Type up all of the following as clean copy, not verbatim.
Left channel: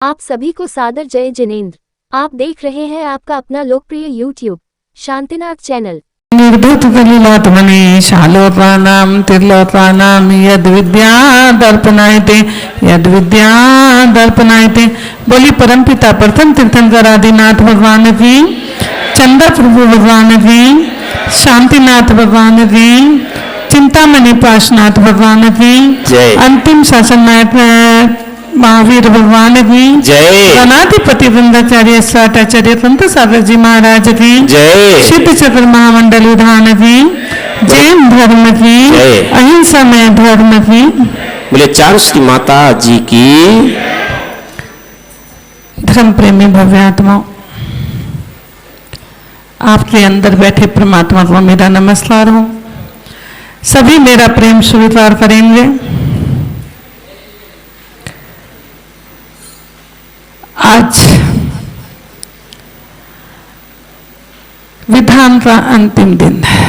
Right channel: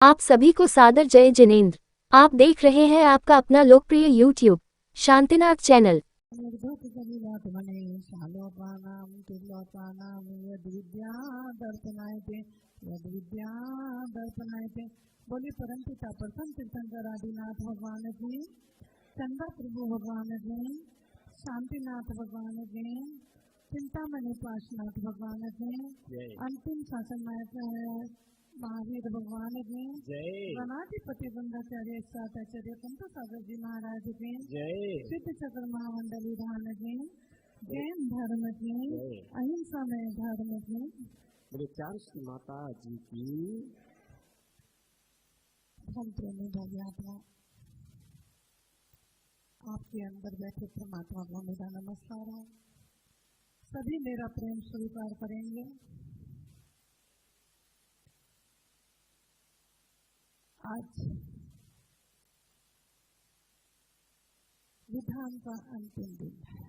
आप सभी को सादर जय जिनेंद्र। आप देख रहे हैं आपका अपना लोकप्रिय यूट्यूब शांतिनाथ चैनल। निर्धुत कलिलात्मनि शालोकानां तिर्लोकानां यद्विद्या दर्पणायते। बोली परमपिता प्रथम तीर्थंकर आदिनाथ भगवान की, चंद्र प्रभु भगवान की, शांतिनाथ भगवान की, चिंतामणि पाशनाथ भगवान की, अंतिम शासननाथ महावीर भगवान की जय, गणाधिपति वृंदाचार्य स्वाटाचार्य संत सागर जी महाराज की जय, सिद्ध चक्र महामंडल विधान की, जैन धर्म की, अहिंसा में धर्म की, बोले चारू श्री माता जी की। धर्म प्रेमी भव्य आत्माओं, आपके अंदर बैठे परमात्मा को मेरा नमस्कार हो। सभी मेरा प्रेम स्वीकार करेंगे। आज विधान का अंतिम दिन है।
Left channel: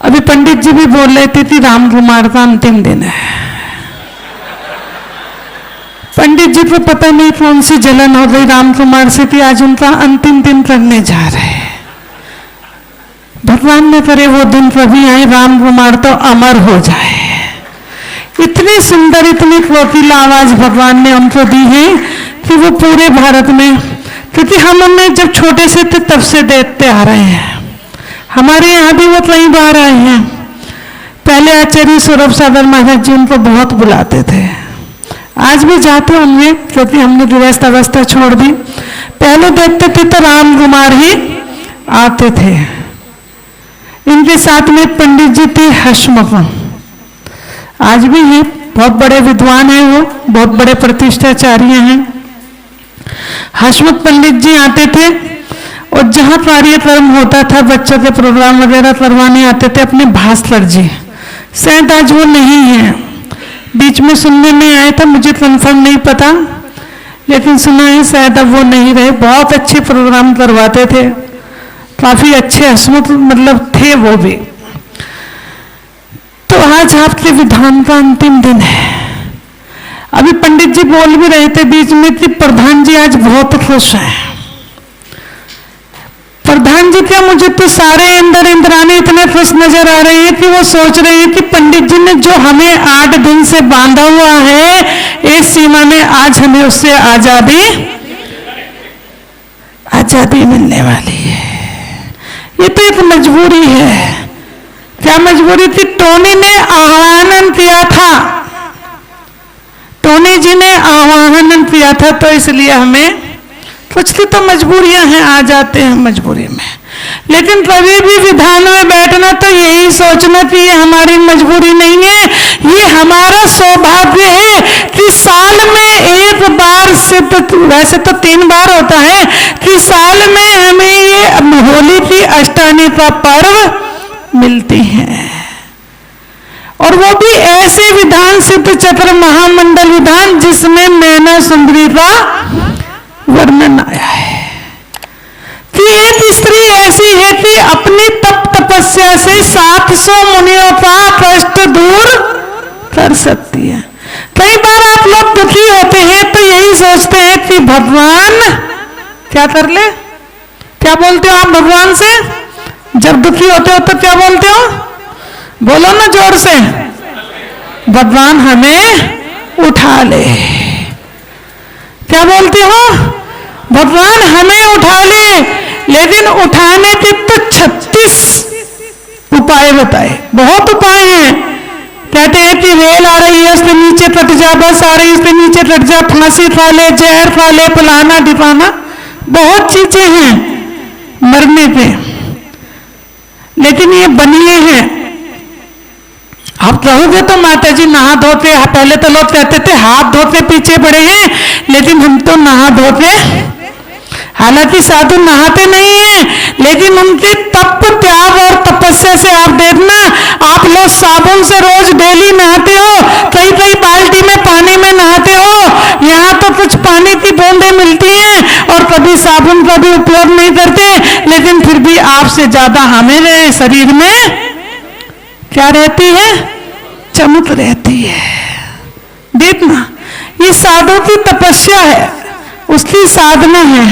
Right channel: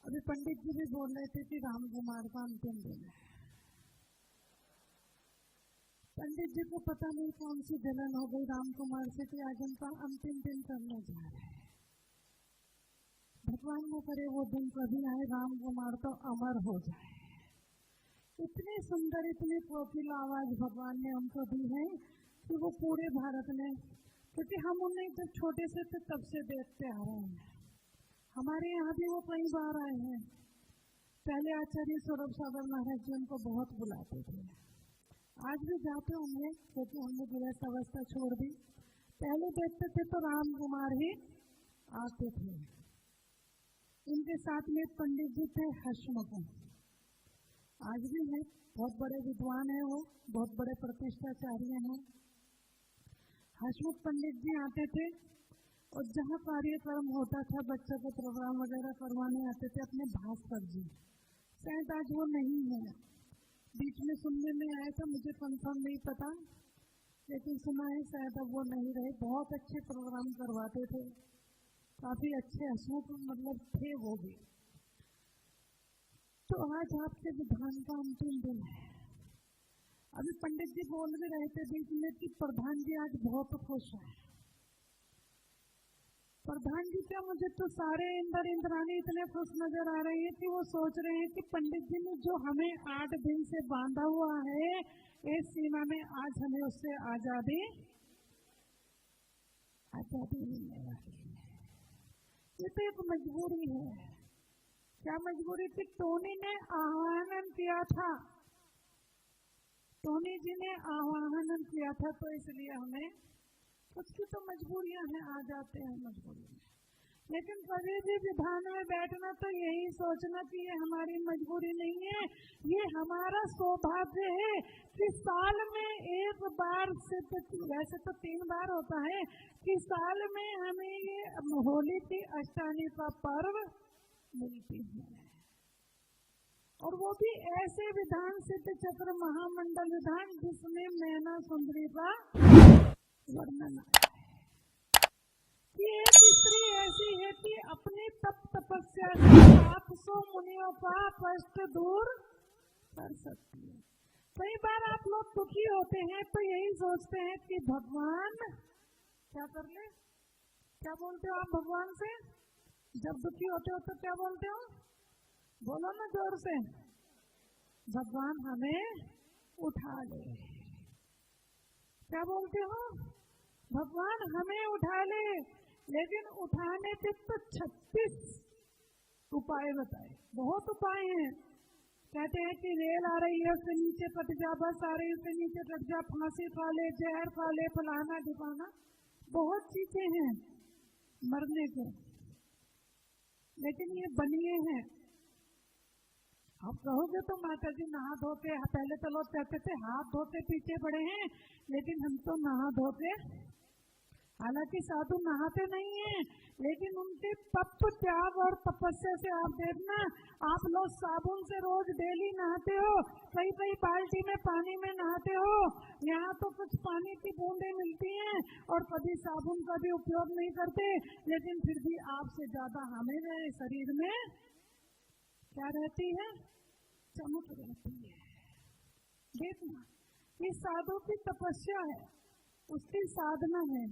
अभी पंडित जी भी बोल रहे थे कि राम कुमार का अंतिम दिन है। पंडित जी को पता नहीं कौन सी जलन हो गई राम कुमार से कि आज उनका अंतिम दिन करने जा रहे हैं। भगवान ने करे वो दिन कभी आए, राम कुमार तो अमर हो जाए। इतनी सुंदर, इतनी कोकिला आवाज भगवान ने उनको दी है कि वो पूरे भारत में, क्योंकि हम उन्हें जब छोटे से थे तब से देखते आ रहे हैं। हमारे यहाँ भी वो कई बार आए हैं। पहले आचार्य सौरभ सागर महाराज जी उनको बहुत बुलाते थे, आज भी जाते होंगे क्योंकि हमने गृहस्थ अवस्था छोड़ दी। पहले देखते थे तो राम कुमार ही आते थे। इनके साथ में पंडित जी थे हसमुख, आज भी हैं, बहुत बड़े विद्वान हैं, वो बहुत बड़े प्रतिष्ठाचार्य हैं। हसमुख पंडित जी आते थे और जहाँ कार्यक्रम होता था, बच्चों के प्रोग्राम वगैरह करवाने आते थे अपने भास्कर जी। शायद आज वो नहीं है, बीच में सुनने में आया था, मुझे कंफर्म नहीं पता, लेकिन सुना है शायद अब वो नहीं रहे। बहुत अच्छे प्रोग्राम करवाते थे, काफी अच्छे हसमुख मतलब थे वो भी। तो आज आपके विधान का अंतिम दिन है। अभी पंडित जी बोल भी रहे थे बीच में कि प्रधान जी आज बहुत खुश हैं। प्रधान जी क्या, मुझे तो सारे इंद्र इंद्राणी इतने खुश नजर आ रहे हैं कि वो सोच रहे हैं कि पंडित जी ने जो हमें 8 दिन से बांधा हुआ है इस सीमा में, आज हमें उससे आजादी मिलने वाली है। ये तो एक मजबूरी है। क्या मजबूरी थी? टोनी ने आह्वान किया था, टोनी जी ने आह्वान किया था, तो इसलिए हमें कुछ तो मजबूरियां हैं, आ जाते हैं मजबूरी में। लेकिन कभी भी विधान में बैठना तो यही सोचना कि ये हमारी मजबूरी नहीं है, ये हमारा सौभाग्य है कि साल में एक बार से, तो वैसे तो 3 बार होता है, कि साल में हमें ये होली की अष्टमी का पर्व मिलती हैं। और वो भी ऐसे विधान, सिद्ध चक्र महामंडल विधान, जिसमें मैना सुंदरी का वर्णन आया है कि एक स्त्री ऐसी है कि अपनी तप तपस्या से 700 मुनियों का कष्ट दूर कर सकती है। कई बार आप लोग दुखी होते हैं तो यही सोचते हैं कि भगवान क्या कर ले। क्या बोलते हो आप भगवान से जब दुखी होते हो? तो क्या बोलते हो? बोलो ना जोर से, भगवान हमें उठा ले। क्या बोलते हो? भगवान हमें उठा ले। लेकिन उठाने के तो 36 उपाय बताए, बहुत उपाय हैं। कहते हैं कि रेल आ रही है उसके नीचे कट जा, बस आ रही है उसके नीचे कट जा, फांसी खा ले, जहर खा ले, फलाना ढिपाना, बहुत चीजें हैं मरने पे। लेकिन ये बनिए हैं। आप कहोगे तो माता जी नहा धोते, पहले तो लोग कहते थे हाथ धोते पीछे पड़े हैं, लेकिन हम तो नहा धोते, हालांकि साधु नहाते नहीं हैं, लेकिन उनके तप त्याग और तपस्या से आप देखना, आप लोग साबुन से रोज डेली नहाते हो, कई कई बाल्टी में पानी में नहाते हो। यहाँ तो कुछ पानी की बूंदें मिलती हैं और कभी साबुन का भी उपयोग नहीं करते, लेकिन फिर भी आपसे ज्यादा हमारे शरीर में क्या रहती है? चमक रहती है। देखना, ये साधु की तपस्या है, उसकी साधना है।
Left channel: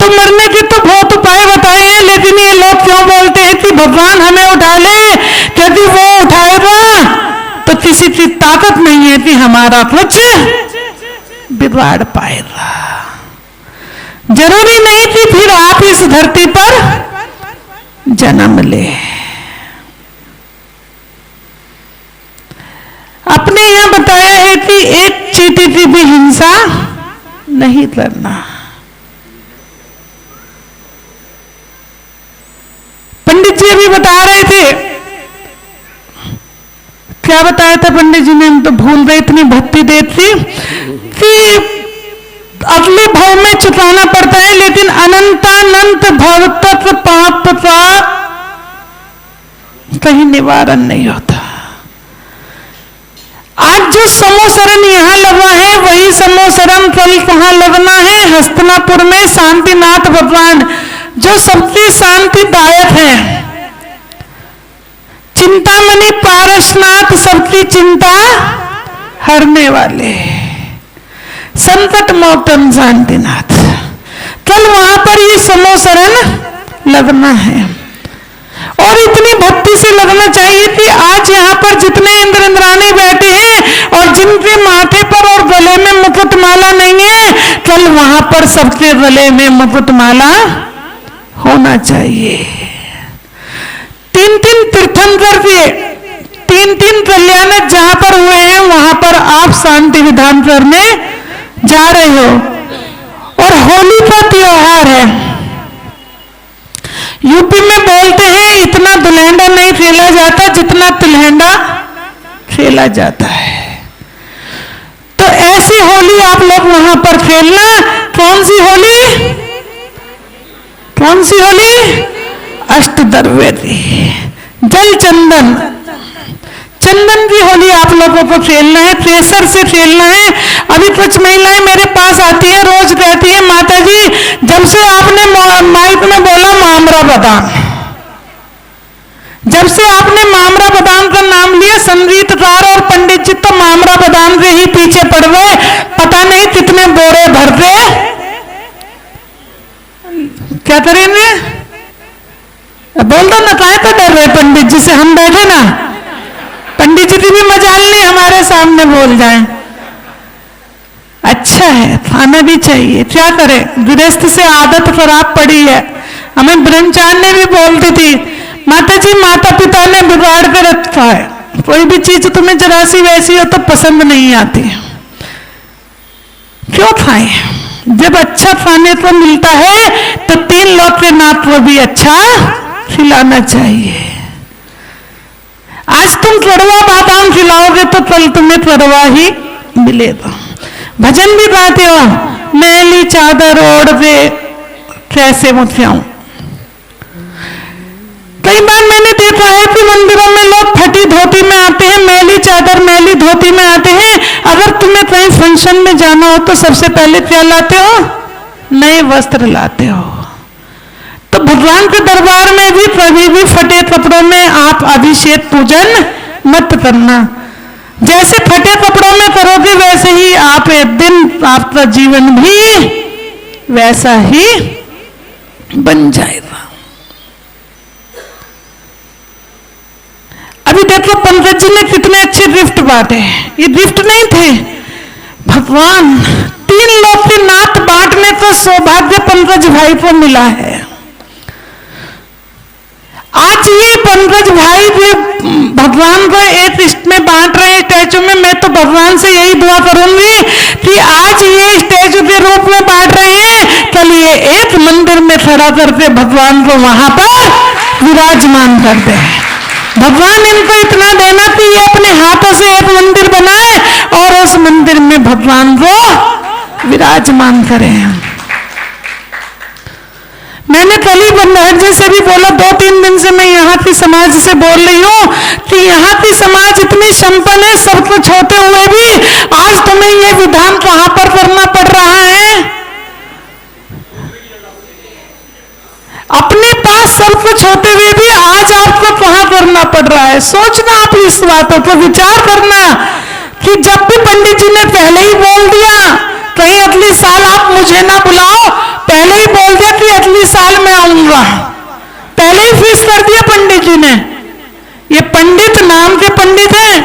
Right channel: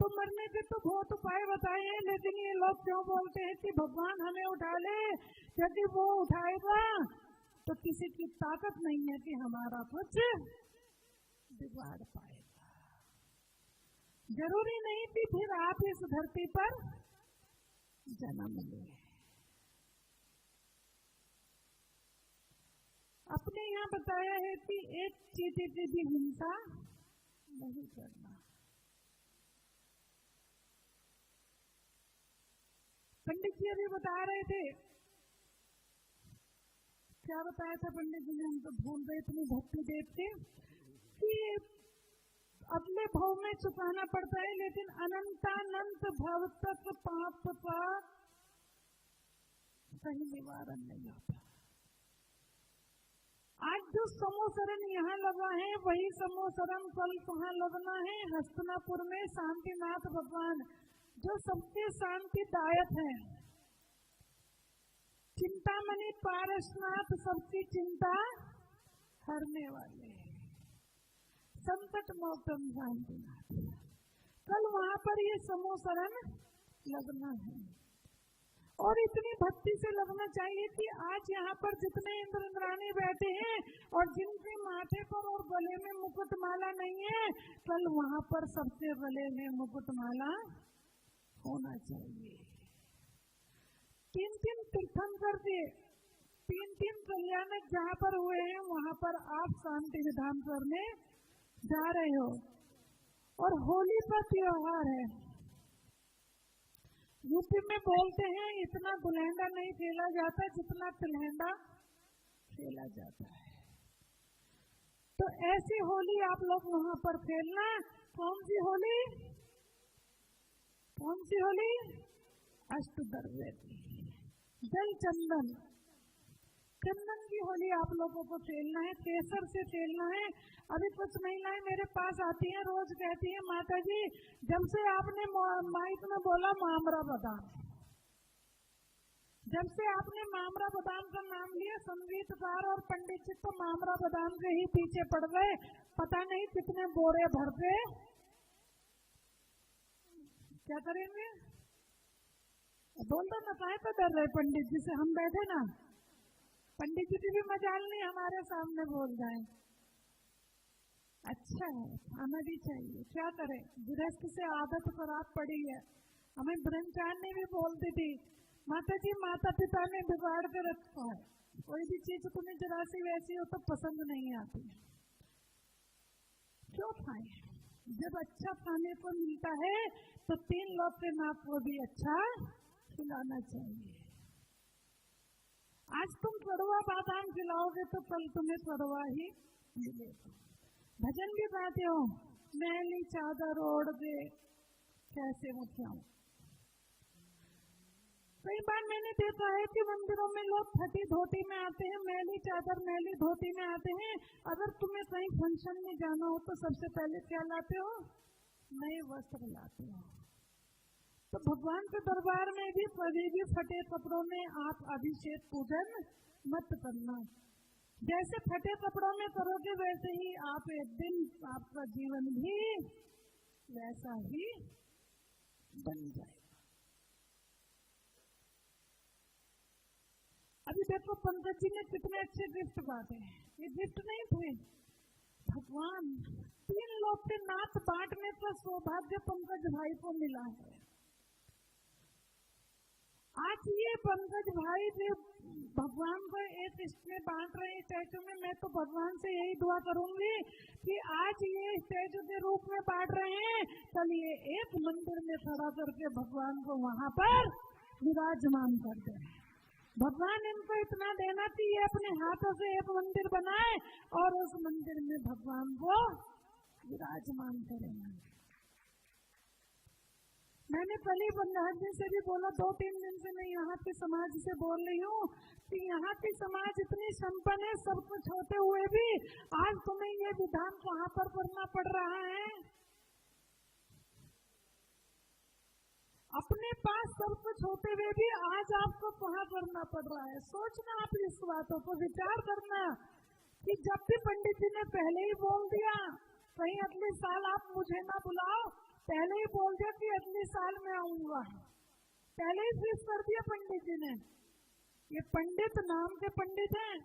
तो मरने के तो बहुत उपाय बताए हैं, लेकिन ये लोग क्यों बोलते हैं कि भगवान हमें उठा ले, क्योंकि वो उठाएगा तो किसी की ताकत नहीं है कि हमारा कुछ बिगाड़ पाएगा। जरूरी नहीं कि फिर आप इस धरती पर जन्म ले। अपने यहां बताया है कि एक चींटी की भी हिंसा नहीं करना। पंडित जी अभी बता रहे थे, क्या बताया था पंडित जी ने, हम तो भूल गए, इतनी भक्ति देव थी कि अगले भाव में चुकाना पड़ता है, लेकिन अनंतानंत भव तक पाप का कहीं निवारण नहीं होता। आज जो समोसरण यहां लगा है वही समोसरण कल कहां लगना है, हस्तिनापुर में शांतिनाथ भगवान जो सबकी शांतिदायक है। चिंतामणि पारसनाथ सबकी चिंता हरने वाले, संकट मोचन शांतिनाथ, कल वहां पर ये समोसरण लगना है। और इतनी भक्ति से लगना चाहिए कि आज यहाँ पर जितने इंद्र इंद्राणी बैठे हैं और जिनके माथे पर और गले में मुकुटमाला नहीं है, कल वहां पर सबके गले में मुकुटमाला होना चाहिए। 3-3 तीर्थंकर के 3-3 कल्याण जहां पर हुए हैं वहां पर आप शांति विधान करने जा रहे हो। और होली का त्योहार है, यूपी में बोलते हैं इतना दुल्हंडा नहीं खेला जाता जितना तिलहंडा खेला जाता है। तो ऐसी होली आप लोग वहां पर खेलना। कौन सी होली? कौन सी होली? अष्टद्रव्य जल चंदन, चंदन की होली आप लोगों को खेलना है, प्रेशर से खेलना है। अभी कुछ महिलाएं मेरे पास आती हैं, रोज कहती हैं माता जी जब से आपने माइक में बोला मामरा बादाम, जब से आपने मामरा बादाम का नाम लिया, संगीतकार और पंडित जी तो मामरा बादाम के ही पीछे पड़ गए, पता नहीं कितने बोरे भरते। क्या करेंगे? बोल दो ना, काहे तो डर रहे पंडित जी से, हम बैठे ना, पंडित जी की भी मजाल नहीं हमारे सामने बोल जाएं। अच्छा है, खाना भी चाहिए, क्या करें, गृहस्थ से आदत खराब पड़ी है। हमें ब्रह्मचारी भी बोलती थी माता जी माता पिता ने बिगाड़ के रखा है, कोई भी चीज तुम्हें जरा सी वैसी हो तो पसंद नहीं आती, क्यों खाएं? जब अच्छा खाने को मिलता है तो 3 लोग के नाथ को भी अच्छा खिलाना चाहिए। आज तुम कड़वा बादाम खिलाओगे तो कल तुम्हें कड़वा ही मिलेगा। भजन भी गाते हो, मैली चादर ओढ़ के कैसे मुखियाऊं। कई बार मैंने देखा है कि मंदिरों में लोग फटी धोती में आते हैं, मैली चादर मैली धोती में आते हैं। अगर तुम्हें कहीं फंक्शन में जाना हो तो सबसे पहले क्या लाते हो? नए वस्त्र लाते हो। तो भगवान के दरबार में भी कभी भी फटे कपड़ों में आप अभिषेक पूजन मत करना। जैसे फटे कपड़ों में करोगे वैसे ही आप एक दिन आपका जीवन भी वैसा ही बन जाएगा। अभी देखो पंकज जी ने कितने अच्छे गिफ्ट बांटे। ये गिफ्ट नहीं थे, भगवान 3 लोग के नाथ बांटने का सौभाग्य पंकज भाई को मिला है। आज ये पंकज भाई भी भगवान को एक लिस्ट में बांट रहे हैं स्टैचू में। मैं तो भगवान से यही दुआ करूंगी कि आज ये स्टैचू के रूप में बांट रहे हैं, कल ये एक मंदिर में खड़ा करके भगवान को वहां पर विराजमान कर दे। भगवान इनको इतना देना कि ये अपने हाथों से एक मंदिर बनाए और उस मंदिर में भगवान को विराजमान करें। मैंने कल ही बंदर जी से भी बोला, 2-3 दिन से मैं यहाँ की समाज से बोल रही हूँ कि यहाँ की समाज इतनी संपन्न है, सब कुछ होते हुए भी आज तुम्हें ये विधान कहाँ पर करना पड़ रहा है। अपने पास सब कुछ होते हुए भी आज आपको वहां करना पड़ रहा है। सोचना आप इस बातों पर विचार करना कि जब भी पंडित जी ने पहले ही बोल दिया कहीं अगली साल आप मुझे ना बुलाओ, पहले ही बोल दिया कि अगली साल मैं आऊंगा, पहले ही फिक्स कर दिया पंडित जी ने। ये पंडित नाम के पंडित हैं,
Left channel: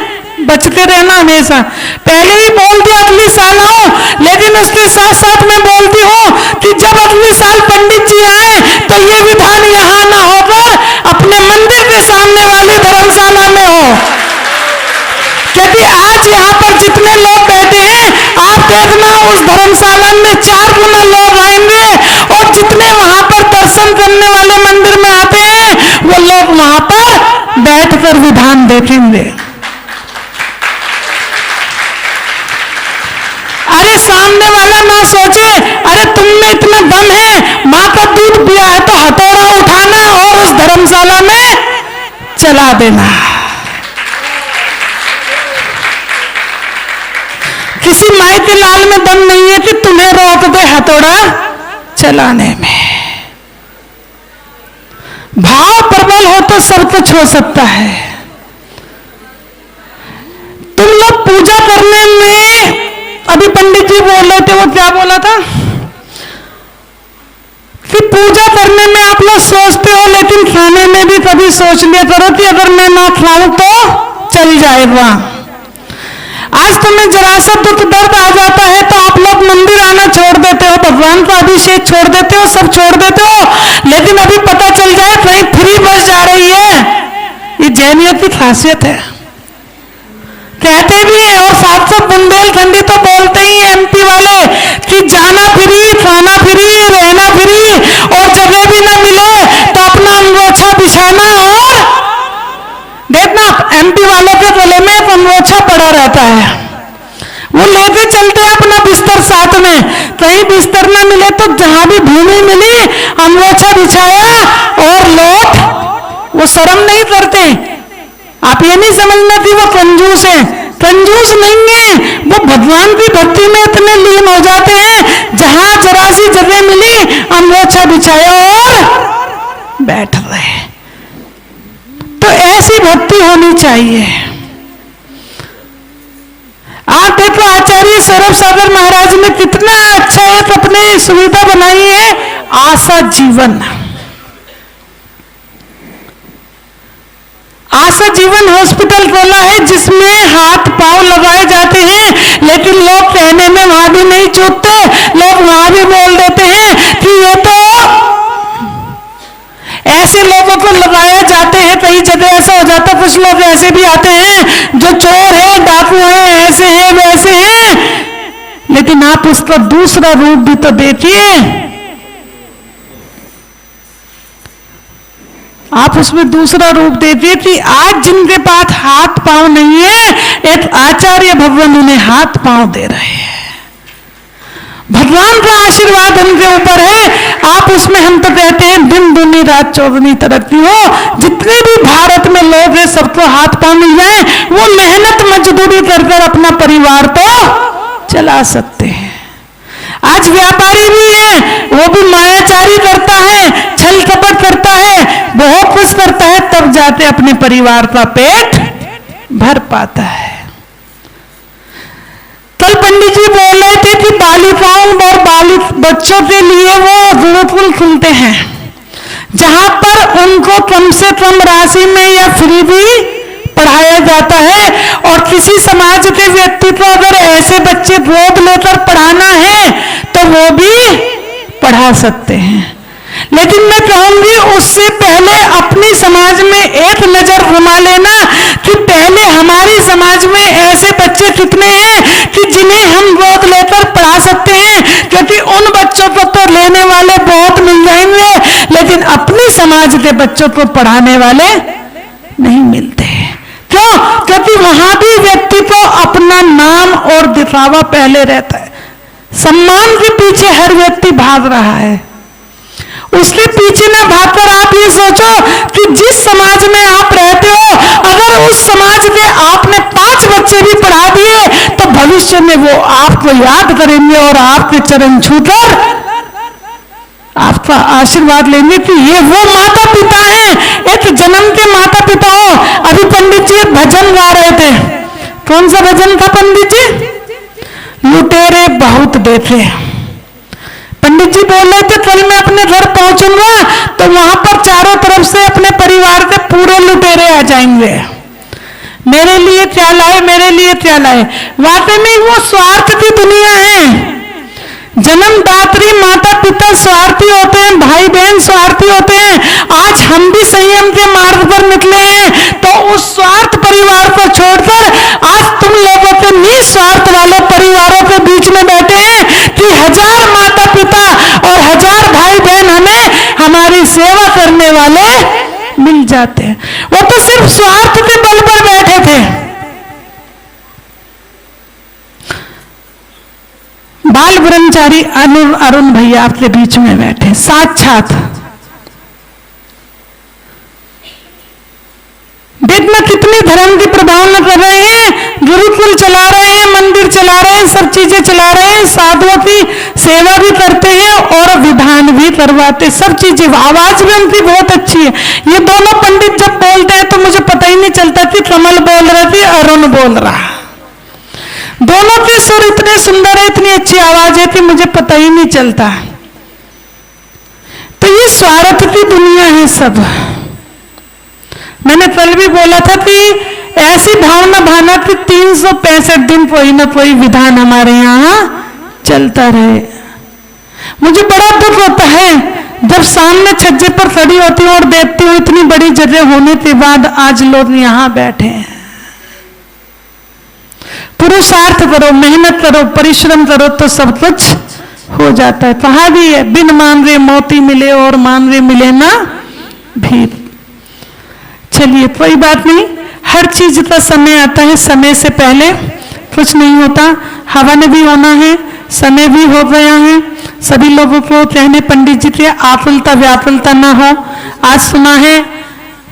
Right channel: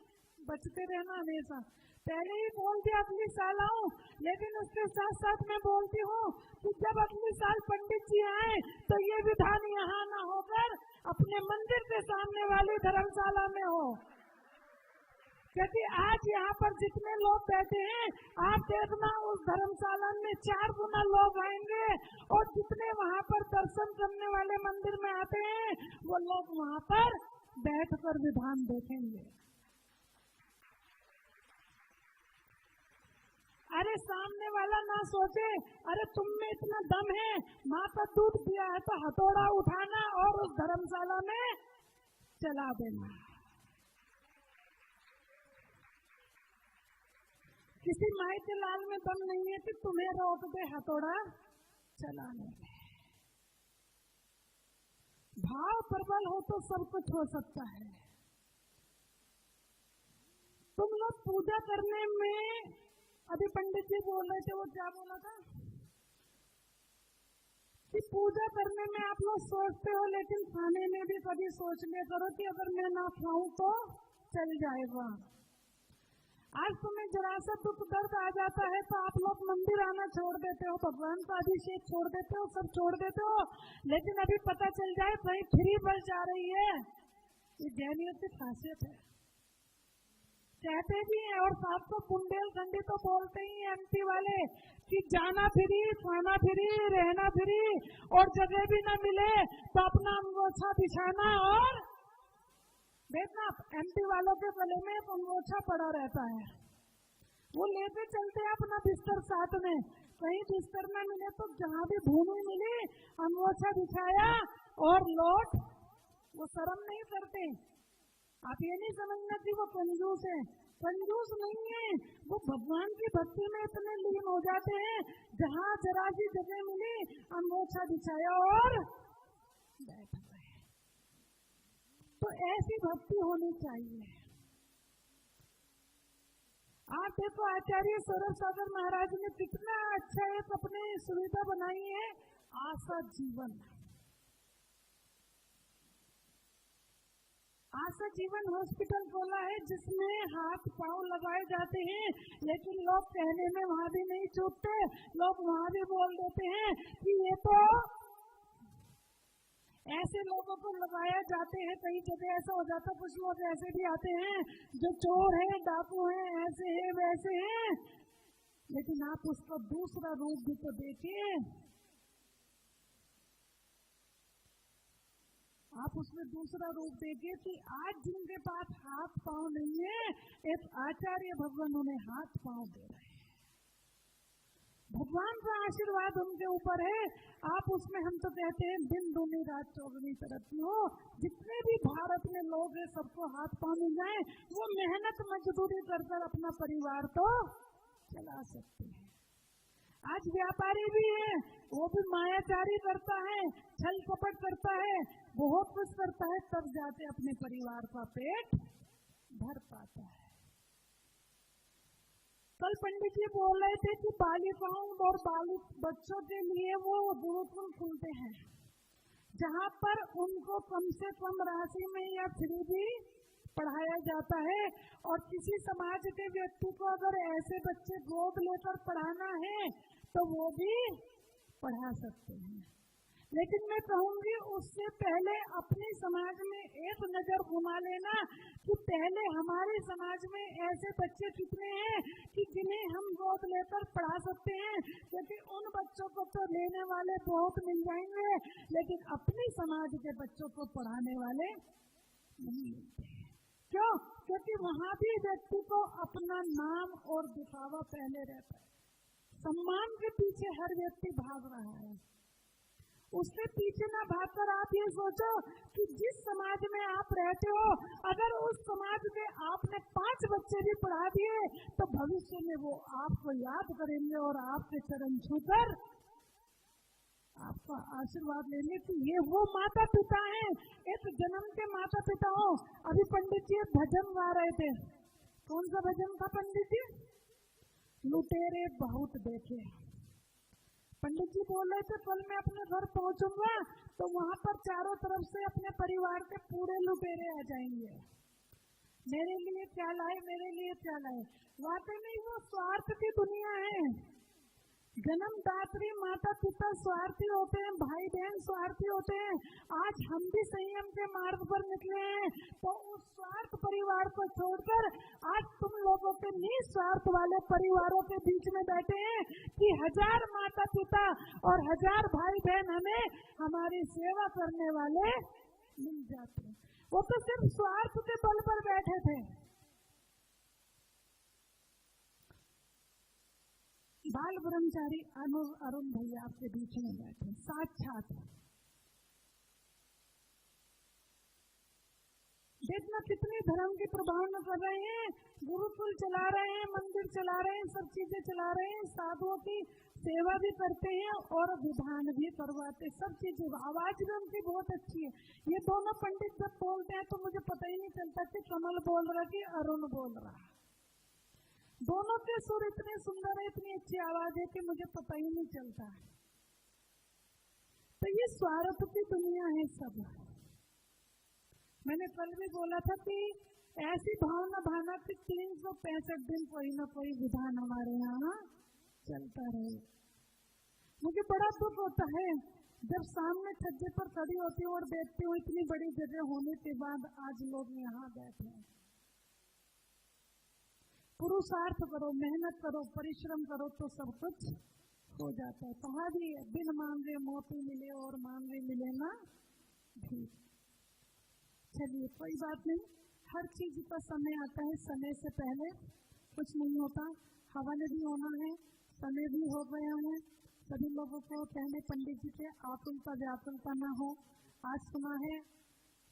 बचते रहना हमेशा। पहले ही बोल दिया अगली साल आओ, लेकिन उसके साथ साथ मैं बोलती हूँ कि जब अगली साल पंडित जी आए तो ये विधान यहाँ ना होकर अपने मंदिर के सामने वाली धर्मशाला में हो, क्योंकि आज यहाँ पर जितने लोग बैठे हैं आप देखना उस धर्मशाला में 4 गुना लोग आएंगे, और जितने वहां पर दर्शन करने वाले मंदिर में आते हैं वो लोग वहां पर बैठकर विधान देखेंगे। अरे सामने वाला ना सोचे अरे तुम में इतना दम है, माँ का दूध पिया है तो हथौड़ा उठाना और उस धर्मशाला में चला देना। किसी माई के लाल में दम नहीं है कि तुम्हें रोक दे हथौड़ा चलाने में। भाव प्रबल हो तो सब कुछ हो सकता है। तुम लोग पूजा करने में, अभी पंडित जी बोल रहे थे, वो क्या बोला था कि पूजा करने में आप लोग सोचते हो, लेकिन खाने में भी कभी सोच लिया करो कि अगर मैं ना खाऊं तो चल जाएगा। आज तुम्हें जरा सा दुख दर्द आ जाता है तो आप लोग मंदिर आना छोड़ देते हो, भगवान का अभिषेक छोड़ देते हो, सब छोड़ देते हो, लेकिन अभी पता चल जाए कहीं फ्री बस जा रही है। ये जैनियों की खासियत है, कहते भी हैं और 700 बुंदेलखंडी तो बोलते ही हैं एमपी वाले कि जाना फ्री, खाना फ्री, रहना फ्री, और जगह भी ना मिले तो अपना अंगोछा बिछाना। और देखना एमपी वालों के गले में एक अंगोछा पड़ा रहता है, वो लेके चलते हैं अपना बिस्तर साथ में, कहीं बिस्तर ना मिले तो जहां भी भूमि मिली अंगोछा बिछाया और लौट। वो शर्म नहीं करते। आप ये नहीं समझना कि वो कंजूस है, कंजूस नहीं है, वो भगवान की भक्ति में इतने लीन हो जाते हैं, जहां जरा सी जगह मिली अंगोछा बिछाया और बैठ रहे। तो ऐसी भक्ति होनी चाहिए। आप देखो आचार्य सौरभ सागर महाराज ने कितना अच्छा एक अपनी सुविधा बनाई है, आशा जीवन। आशा जीवन हॉस्पिटल खोला है जिसमें हाथ पांव लगाए जाते हैं, लेकिन लोग कहने में वहां भी नहीं चूकते, लोग वहां भी बोल देते हैं कि ये तो ऐसे लोगों को लगाया जाते हैं। कई जगह ऐसा हो जाता है, कुछ लोग ऐसे भी आते हैं जो चोर है, डाकू है, ऐसे हैं वैसे हैं, लेकिन आप उसका दूसरा रूप भी तो देखिए। आप उसमें दूसरा रूप देखिए कि आज जिनके पास हाथ पांव नहीं है, एक आचार्य भगवान उन्हें हाथ पांव दे रहे हैं। भगवान का आशीर्वाद उनके ऊपर है। आप उसमें, हम तो कहते हैं दिन दूनी रात चौगुनी तरक्की हो। जितने भी भारत में लोग हैं सबको हाथ पांव मिल जाए, वो मेहनत मजदूरी कर कर अपना परिवार तो चला सकते हैं। आज व्यापारी भी है, वो भी मायाचारी करता है, छल कपट करता है, बहुत कुछ करता है, तब जाते अपने परिवार का पेट भर पाता है। कल पंडित जी बोल रहे थे कि बालिकाओं और बालिक बच्चों के लिए वो गुरुकुल खुलते हैं, जहां पर उनको कम से कम राशि में या फ्री भी पढ़ाया जाता है। और किसी समाज के व्यक्ति को अगर ऐसे बच्चे गोद लेकर पढ़ाना है तो वो भी पढ़ा सकते हैं। लेकिन मैं कहूंगी उससे पहले अपनी समाज में एक नजर घुमा लेना कि पहले हमारी समाज में ऐसे बच्चे कितने हैं कि जिन्हें हम गोद लेकर पढ़ा सकते हैं, क्योंकि उन बच्चों को तो लेने वाले बहुत मिल जाएंगे, लेकिन अपनी समाज के बच्चों को पढ़ाने वाले नहीं मिलते। क्यों? क्योंकि वहां भी व्यक्ति को अपना नाम और दिखावा पहले रहता है। सम्मान के पीछे हर व्यक्ति भाग रहा है, उसके पीछे ना भागकर आप ये सोचो कि जिस समाज में आप रहते हो, अगर उस समाज के आपने 5 बच्चे भी पढ़ा दिए तो भविष्य में वो आपको याद करेंगे और आपके चरण छूकर आपका आशीर्वाद लेंगे कि ये वो माता पिता हैं, एक जन्म के माता पिता हो। अभी पंडित जी एक भजन गा रहे थे। कौन सा भजन था पंडित जी? लुटेरे बहुत देखे। पंडित जी बोल रहे थे कल मैं अपने घर पहुंचूंगा तो वहां पर चारों तरफ से अपने परिवार के पूरे लुटेरे आ जाएंगे। मेरे लिए क्या लाए, मेरे लिए क्या लाए। वाकई में वो स्वार्थ की दुनिया है। जन्मदात्री माता पिता स्वार्थी होते हैं, भाई बहन स्वार्थी होते हैं। आज हम भी संयम के मार्ग पर निकले हैं तो उस स्वार्थ परिवार को छोड़कर आज तुम लोगों के निस्वार्थ वाले परिवारों के बीच में बैठे हैं कि 1000 माता पिता और 1000 भाई बहन हमें हमारी सेवा करने वाले मिल जाते हैं। वो तो सिर्फ स्वार्थ के बल पर बैठे थे। बाल ब्रह्मचारी अरुण भैया आपके बीच में बैठे, साक्षात देखना कितनी धर्म की प्रभावना कर रहे हैं। गुरुकुल चला रहे हैं, मंदिर चला रहे हैं, सब चीजें चला रहे हैं, साधुओं की सेवा भी करते हैं और विधान भी करवाते, सब चीजें। आवाज भी उनकी बहुत अच्छी है। ये दोनों पंडित जब बोलते हैं तो मुझे पता ही नहीं चलता कि कमल बोल रहा थी, अरुण बोल रहा। दोनों के सुर इतने सुंदर है, इतनी अच्छी आवाज है कि मुझे पता ही नहीं चलता। तो ये स्वार्थ की दुनिया है सब। मैंने कल भी बोला था कि ऐसी भावना भाना कि 365 दिन कोई ना कोई विधान हमारे यहाँ चलता रहे। मुझे बड़ा दुख होता है जब सामने छज्जे पर खड़ी होती हूँ और देखती हूँ इतनी बड़ी जगह होने के बाद आज लोग यहाँ बैठे हैं। पुरुषार्थ करो, मेहनत करो, परिश्रम करो तो सब कुछ हो जाता है। कहा भी है बिन मान रे मोती मिले और मान रे मिले ना भी। चलिए कोई बात नहीं, हर चीज का समय आता है, समय से पहले कुछ नहीं होता। हवन भी होना है, समय भी हो गया है। सभी लोगों को कहने पंडित जी के आकुलता व्याकुलता ना हो। आज सुना है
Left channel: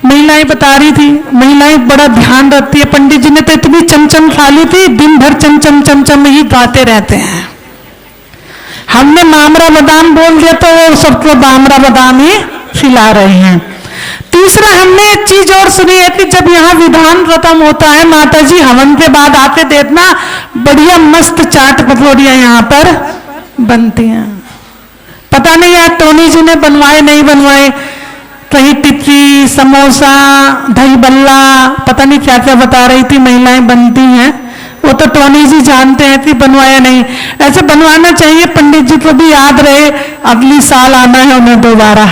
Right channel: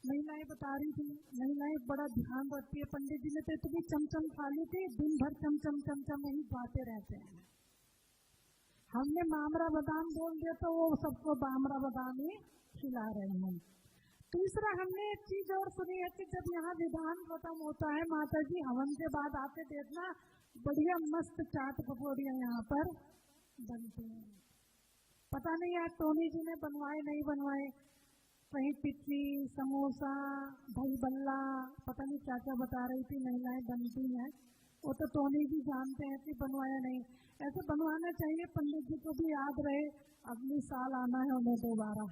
महिलाएं बता रही थी, महिलाएं बड़ा ध्यान रखती है। पंडित जी ने तो इतनी चमचम खा ली थी, दिन भर चमचम चमचम ही गाते रहते हैं। हमने मामरा बादाम बोल दिया तो वो सबको बामरा बादाम ही खिला रहे हैं। तीसरा हमने एक चीज और सुनी है कि जब यहाँ विधान खत्म होता है माता जी हवन के बाद आते देखना बढ़िया मस्त चाट पकौड़ियां यहाँ पर बनती हैं। पता नहीं यार टोनी जी ने बनवाए नहीं बनवाए, कहीं टिक्की समोसा दही बल्ला पता नहीं क्या क्या बता रही थी महिलाएं बनती हैं। वो तो टोनी जी जानते हैं कि बनवाया नहीं। ऐसे बनवाना चाहिए, पंडित जी को भी याद रहे अगली साल आना है उन्हें दोबारा,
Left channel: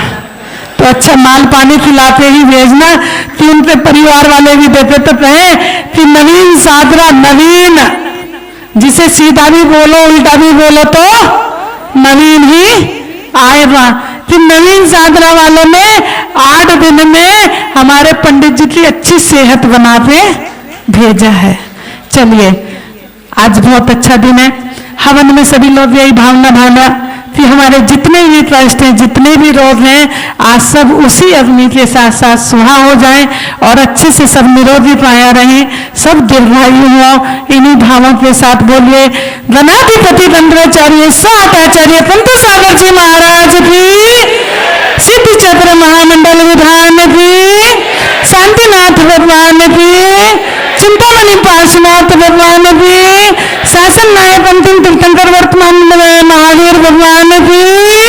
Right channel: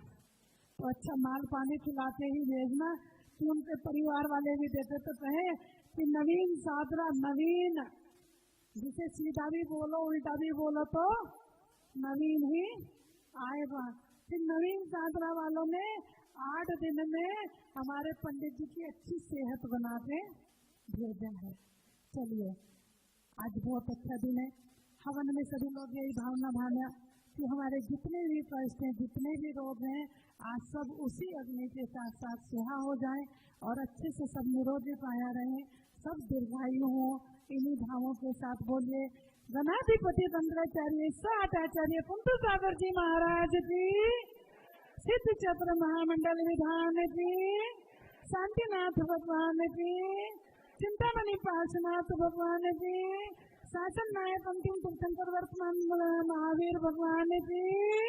तो अच्छा माल पानी खिलाते ही भेजना कि उनके परिवार वाले भी देते तो कहें कि नवीन सादरा, नवीन जिसे सीधा भी बोलो उल्टा भी बोलो तो नवीन ही आएगा। कि नवीन सादरा वालों ने 8 दिन में हमारे पंडित जी की अच्छी सेहत बना के भेजा है। चलिए आज बहुत अच्छा दिन है। हवन में सभी लोग यही भावना भावना कि हमारे जितने भी कष्ट हैं, जितने भी रोग हैं, आज सब उसी अग्नि के साथ साथ सुहा हो जाएं और अच्छे से सब निरोगी पाया रहें, सब दीर्घायु हो। इन्हीं भावों के साथ बोलिए गणाधिपति तंत्राचार्य साताचार्य पंत सागर जी महाराज की, सिद्धि चक्र महामंडल विधान की, शांतिनाथ भगवान की, चिंतामणि पार्श्वनाथ भगवान की, शासन नायक अंतिम तीर्थंकर वर्तमान महावीर भगवान की।